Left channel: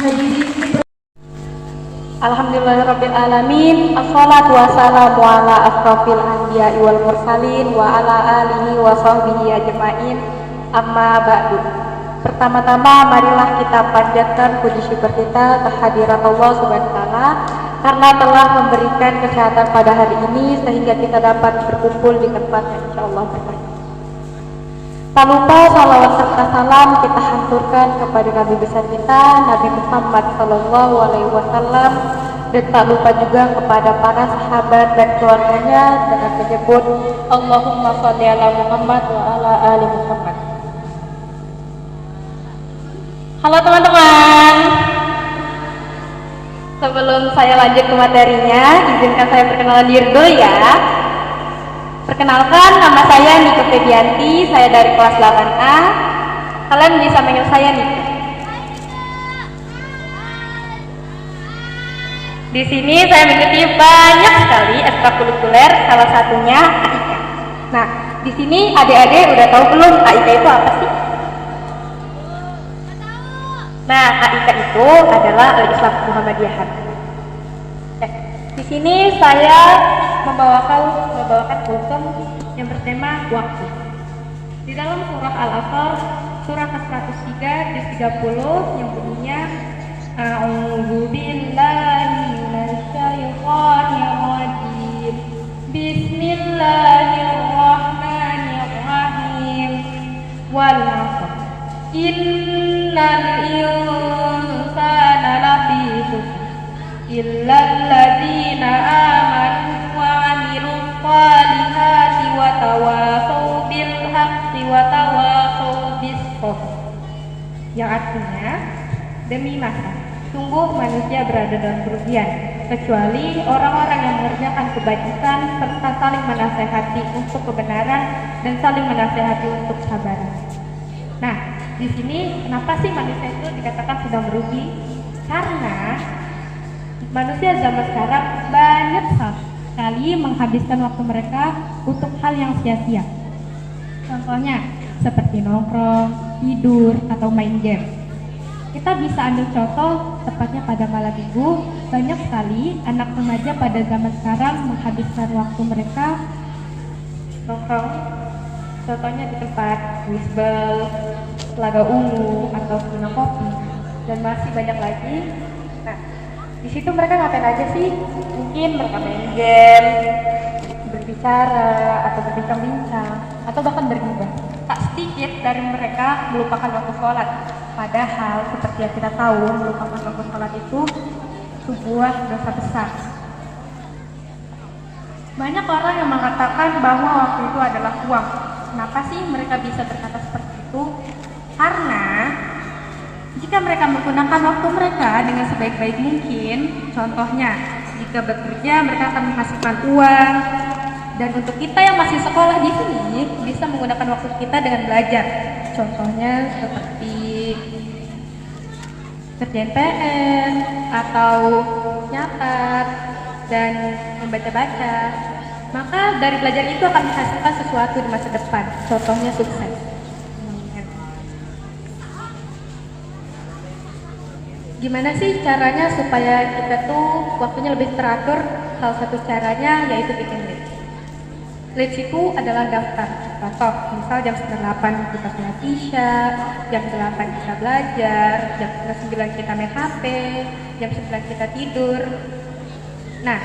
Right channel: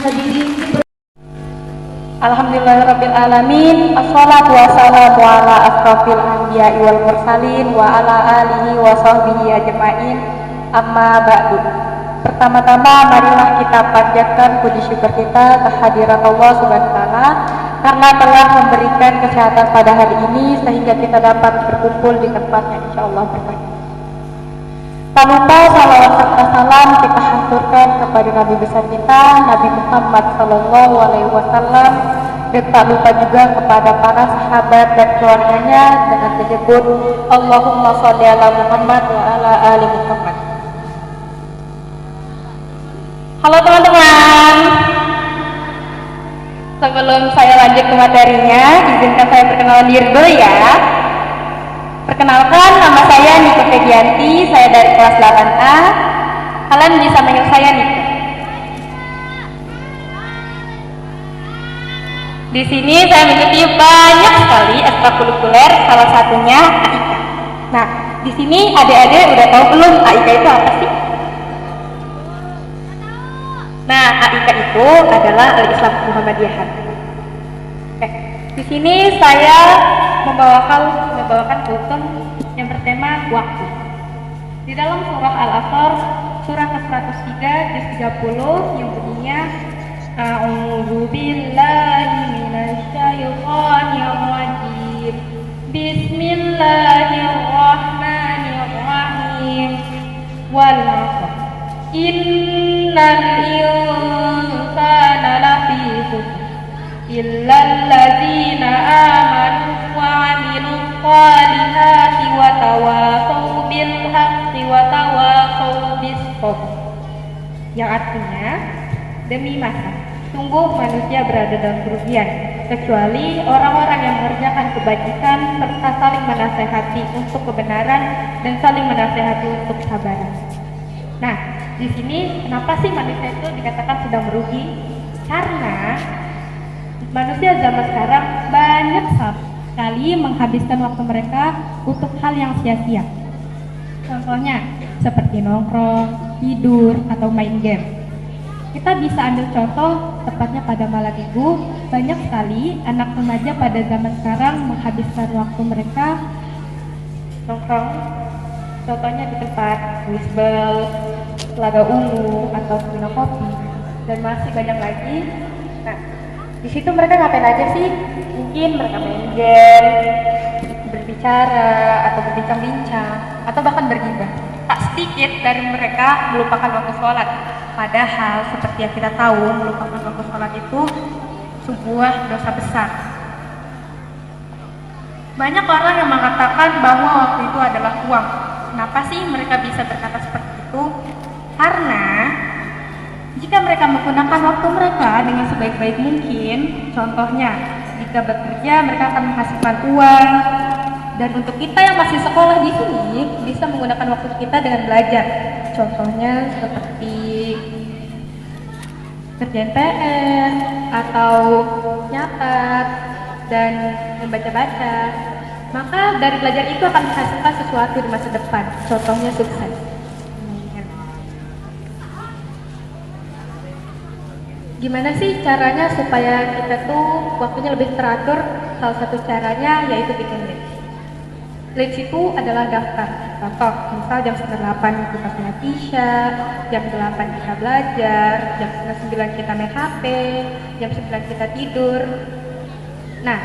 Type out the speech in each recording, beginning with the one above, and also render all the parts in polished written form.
Hadirin, alhamdulillahirrabbilalamin. Assalatu wassalamu ala asrafil anbiya'i wal mursalin wa ala alihi wa sahbihi ajma'in. Amma ba'du. Pertama-tama marilah kita panjatkan puji syukur kita kehadirat Allah Subhanahu wa taala karena telah memberikan kesehatan pada hari ini sehingga kita dapat berkumpul di tempat yang insyaallah berkah. Tak lupa salawat serta salam kita haturkan kepada Nabi besar kita Nabi Muhammad Sallallahu Alaihi Wasallam, dan tak lupa juga kepada para sahabat dan keluarganya dengan menyebut Allahumma sholli ala Muhammad wa ala ali Muhammad. Halo teman-teman, sebelum saya lanjut ke materinya, izinkan saya perkenalan diri dulu ya. Perkenalkan, nama saya Niko Febianti, saya dari kelas 8A. Kalian bisa panggil saya Niko. Di sini saya mengikuti banyak sekali ekstrakurikuler, salah satunya AIK. Nah, di sini adik-adik udah tahu belum AIK itu apa sih? Nah, AIK itu adalah Al-Islam Muhammadiyahan. Di sini saya membawakan hukum yang bertema waktu. Di dalam surah Al-Asr, surah ke-103 ayat 30 yang bunyinya A'udzu billahi minasyaitonir rajim. Bismillahirrahmanirrahim. Wal 'asr. Innal insana lafi khusr illa alladzina amanu wa 'amilus shalihati wa tawasau bil haqqi wa tawasau bis sabr. Yang artinya, demi masa sungguh manusia berada dalam kerugian kecuali orang-orang yang mengerjakan kebajikan serta saling menasehati untuk kebenaran dan saling menasehati untuk kesabaran. Nah, di sini kenapa sih manusia itu dikatakan sedang merugi? Karena manusia zaman sekarang banyak sekali menghabiskan waktu mereka untuk hal yang sia-sia. Contohnya seperti nongkrong, tidur, atau main game. Kita bisa ambil contoh tepatnya pada malam minggu, banyak sekali anak remaja pada zaman sekarang menghabiskan waktu mereka nongkrong. Contohnya di tempat wisbel, telaga ungu, atau minum kopi, dan masih banyak lagi. Nah, di situ mereka ngapain aja sih? Mungkin mereka main game, berbicara, atau berbincang-bincang, atau bahkan bergibah. Tak sedikit dari mereka melupakan waktu sholat. Padahal seperti yang kita tahu, melupakan waktu sholat itu sebuah dosa besar. Banyak orang yang mengatakan bahwa waktu itu adalah uang. Kenapa sih mereka bisa berkata seperti itu? Karena jika mereka menggunakan waktu mereka dengan sebaik-baik mungkin, contohnya jika bekerja mereka akan menghasilkan uang, dan untuk kita yang masih sekolah di sini bisa menggunakan waktu kita dengan belajar. Contohnya seperti kerjaan PR atau nyatat dan membaca-baca. Maka dari belajar itu akan menghasilkan sesuatu di masa depan. Contohnya sukses. Gimana sih caranya supaya kita tuh waktunya lebih teratur? Salah satu caranya yaitu bikin list. List itu adalah daftar. Contoh, misal jam 8 kita sholat isya, jam 8 kita belajar, jam 9 kita main HP, jam 9 kita tidur. Nah,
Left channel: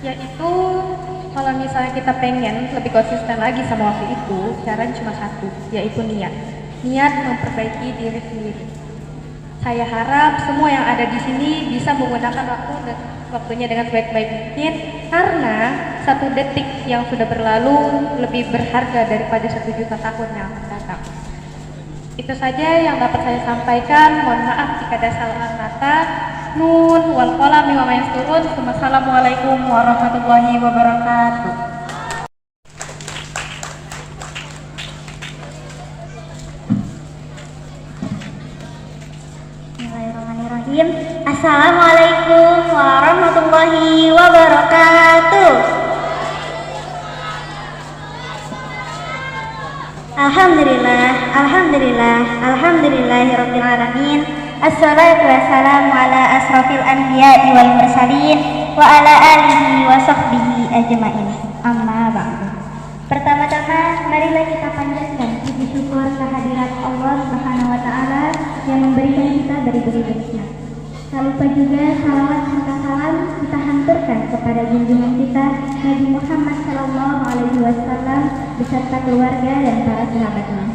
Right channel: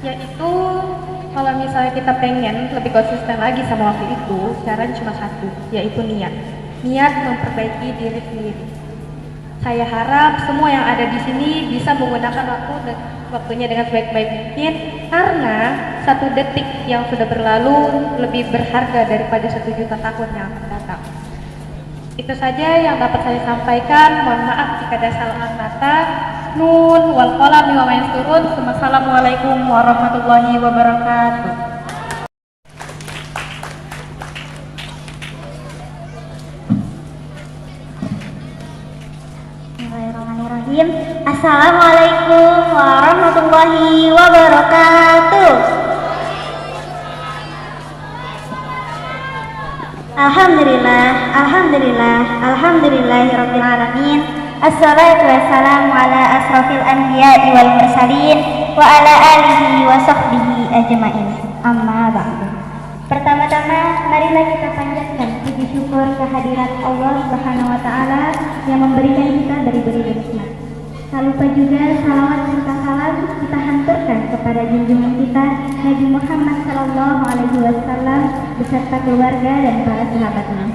yaitu kalau misalnya kita pengen lebih konsisten lagi sama waktu itu, caranya cuma satu, yaitu niat. Niat memperbaiki diri sendiri. Saya harap semua yang ada di sini bisa menggunakan waktunya dengan sebaik-baik mungkin, karena 1 detik yang sudah berlalu lebih berharga daripada 1 juta tahun yang akan datang. Itu saja yang dapat saya sampaikan. Mohon maaf jika ada salah kata. Nun wal qalami wa ma yasturun. Wassalamualaikum warahmatullahi wabarakatuh. Bismillahirrahmanirrahim. Assalamualaikum warahmatullahi wabarakatuh. Alhamdulillah, alhamdulillahirabbil alamin. Assalatu wassalamu ala asrafil anbiya'i wal mursalin wa ala alihi wa sahbihi ajma'in. Amma ba'du. Pertama-tama, marilah kita panjatkan puji syukur kehadirat Allah Subhanahu wa taala yang memberikan kita beri-beri nikmat. Tak lupa juga salawat serta salam kita hanturkan kepada junjungan kita Nabi Muhammad SAW beserta keluarga dan para sahabatnya.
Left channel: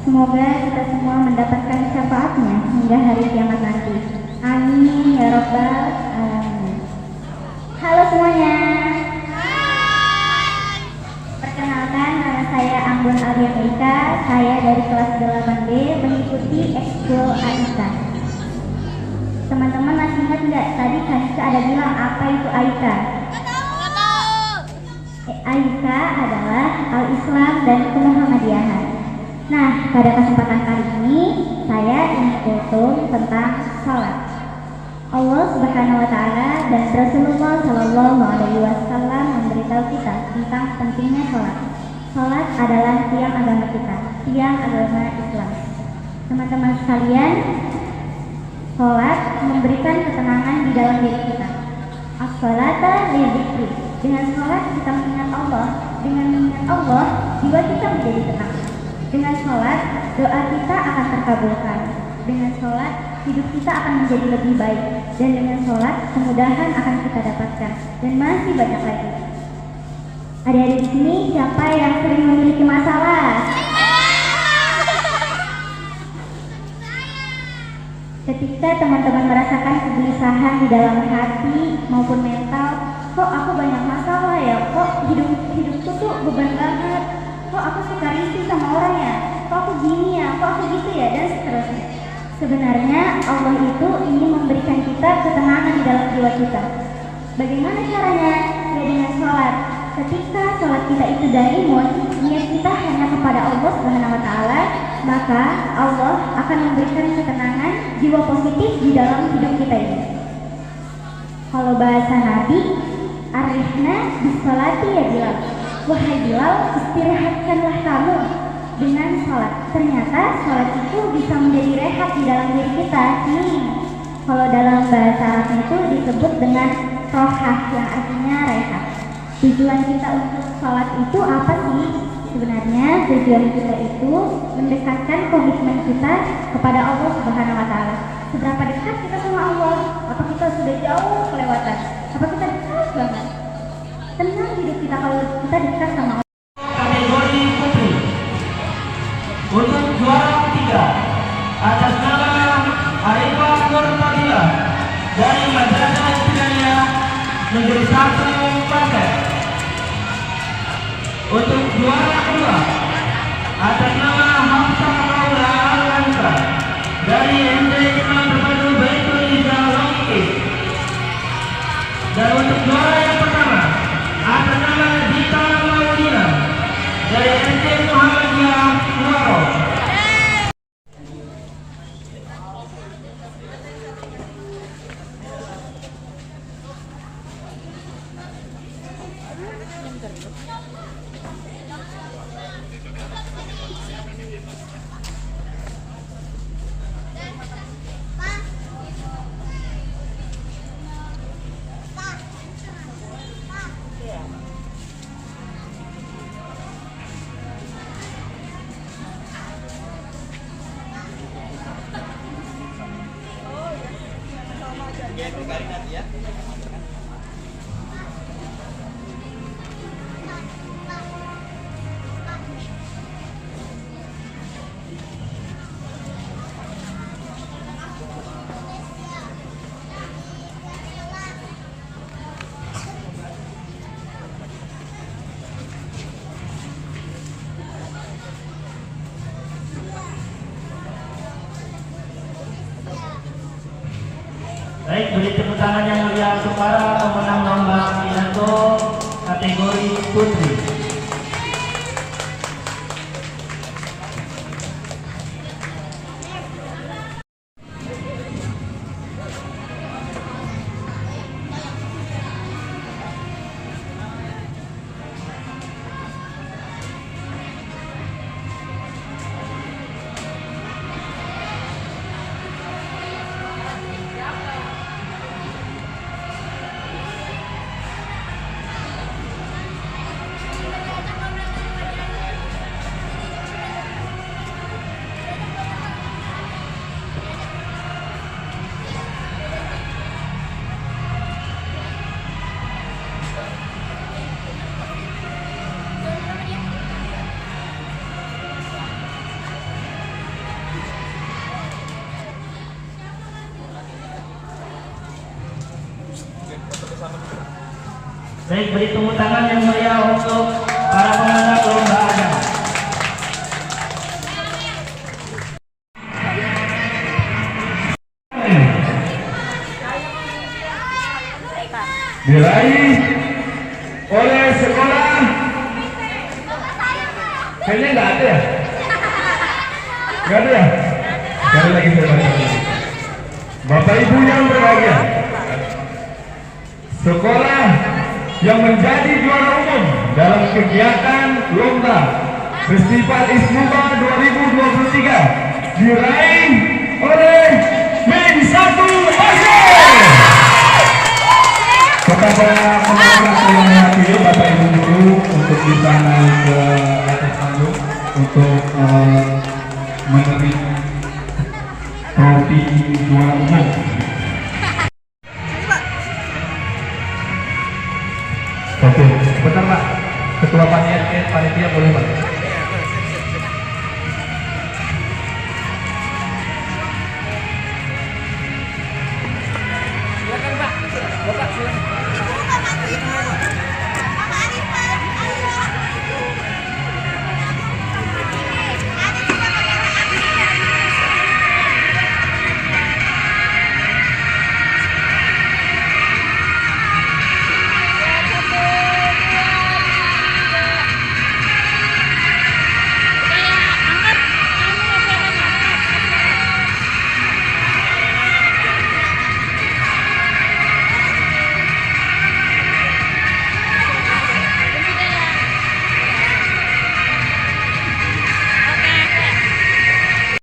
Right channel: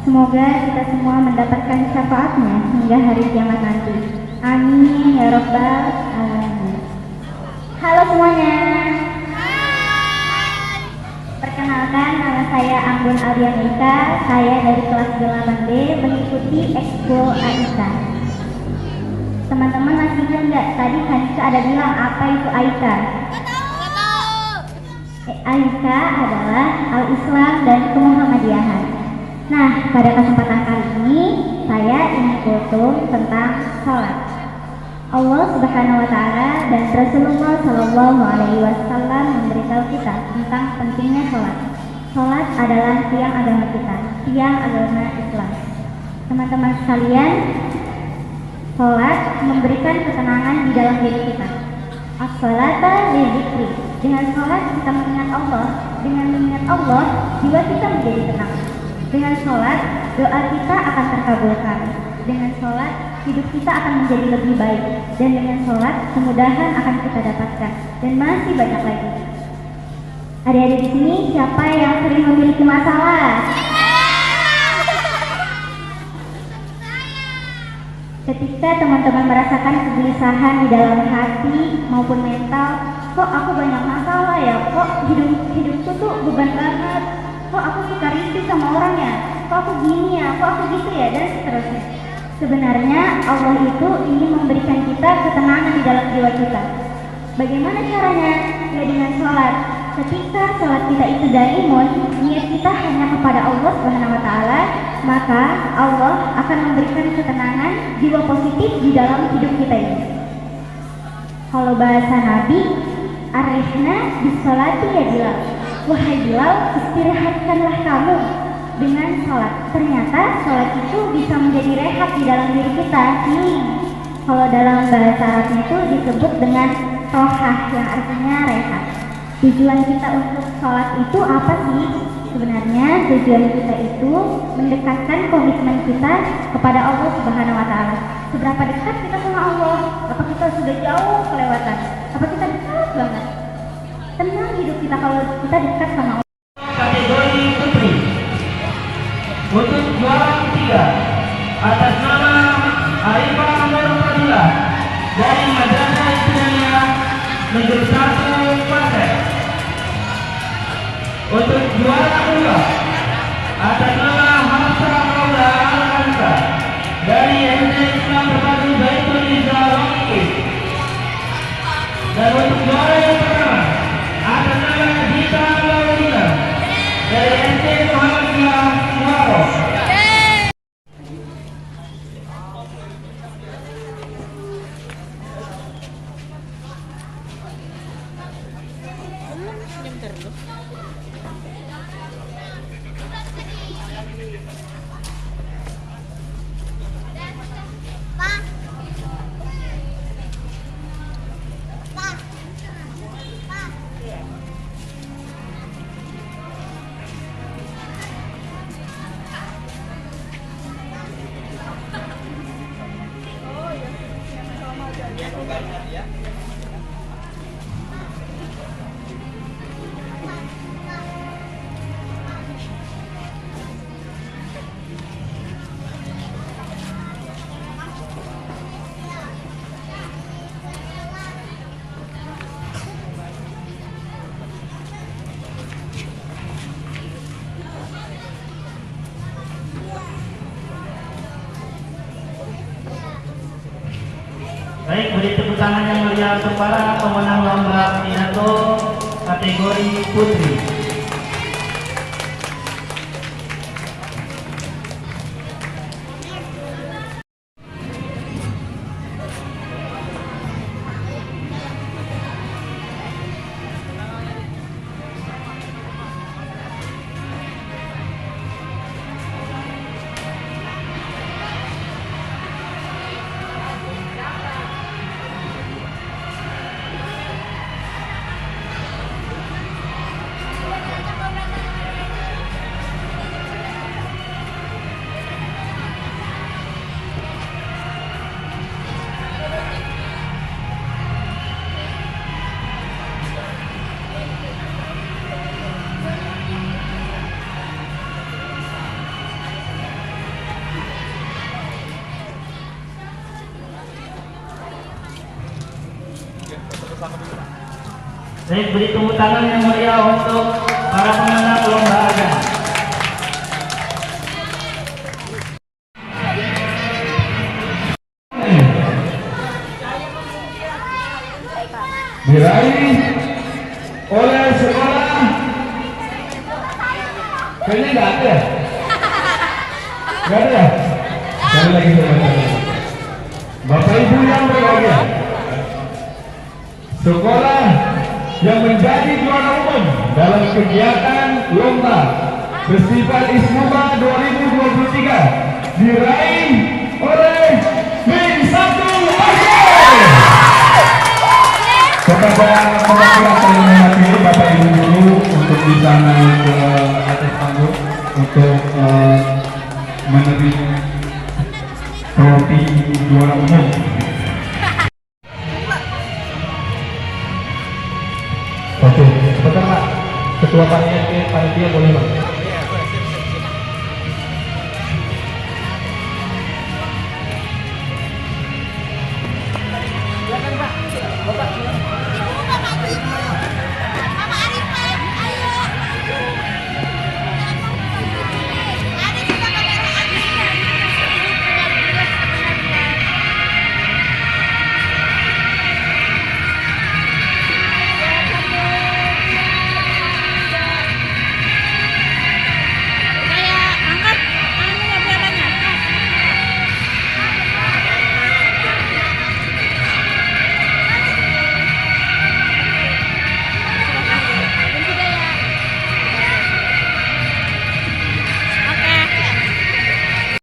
Semoga kita semua mendapatkan syafaatnya hingga hari kiamat nanti. Amin ya rabbal alamin. Halo semuanya. Perkenalkan, nama saya Anggun Aldianika. Saya dari kelas 8B mengikuti ekskul AIKA. Teman-teman masih ingat nggak tadi Kanisa ada bilang apa itu AIKA? AIKA adalah Al-Islam dan Kemuhammadiyahan. Nah, pada kesempatan kali ini saya ingin kultum tentang sholat. Allah Subhanahu wa taala dan Rasulullah Shallallahu alaihi wasallam memberitahu kita tentang pentingnya sholat. Sholat adalah tiang agama kita, tiang agama Islam. Teman-teman sekalian, sholat memberikan ketenangan di dalam diri kita. As-sholata lidzikri. Dengan sholat kita mengingat Allah. Dengan mengingat Allah, jiwa kita menjadi tenang. Dengan sholat, doa kita akan terkabulkan. Dengan sholat, hidup kita akan menjadi lebih baik. Dan dengan sholat, kemudahan akan kita dapatkan. Dan masih banyak lagi. Adik-adik di sini, siapa yang sering memiliki masalah? Ketika teman-teman merasakan kegelisahan di dalam hati maupun mental, kok aku banyak masalah ya? Kok hidupku tuh beban banget? Kok aku suka risih sama orang ya? Kok aku gini ya? Kok aku gitu ya? Dan seterusnya. Sebenarnya Allah itu ingin memberikan kita ketenangan di dalam jiwa kita. Bagaimana caranya? Ya dengan sholat. Ketika sholat kita itu daimun, niat kita hanya kepada Allah Subhanahu wa taala, maka Allah akan memberikan ketenangan, jiwa positif di dalam hidup kita ini. Kalau bahasa Nabi, arihna bisolati ya Bilal. Wahai Bilal, istirahatkanlah kamu dengan sholat. Ternyata sholat itu bisa menjadi rehat di dalam diri kita. Kalau dalam bahasa Arabnya itu disebut dengan rohah, yang artinya rehat. Tujuan kita untuk sholat itu apa sih? Sebenarnya tujuan kita itu mendekatkan komitmen kita kepada Allah Subhanahu wa taala. Seberapa dekat kita sama Allah? Apa kita sudah jauh kelewatan? Apa kita dekat banget? Tenang hidup kita kalau kita dekat sama Allah. Kategori putri. Untuk juara ketiga atas nama Arifah Nurfadilah dari Madrasah Islamiyah Negeri 1 Klaten. Untuk juara kedua atas nama Hamzah Maula Al-Anka dari SD Islam Terpadu Baitul Izzah Wangkit. Dan untuk juara yang pertama atas nama Dita Maulina dari SD Muhammadiyah Lombok. Baik, beri tepuk tangan yang meriah untuk para pemenang lomba pidato kategori putri. Baik, beri tepuk tangan yang meriah untuk para pemenang lomba azan. Diraih oleh sekolah, kayaknya nggak ada ya? Nggak ada ya? Sekali lagi saya baca. Bapak Ibu yang berbahagia, sekolah yang menjadi juara umum dalam kegiatan lomba Festival Ismuka 2023 diraih oleh Min 1 Aceh. Kepada penampilan saya menghadiri Bapak Ibu dulu untuk bisa naik ke atas panggung untuk menerima trofi juara umum. Oke, sebentar Pak. Ketua panitia boleh Pak.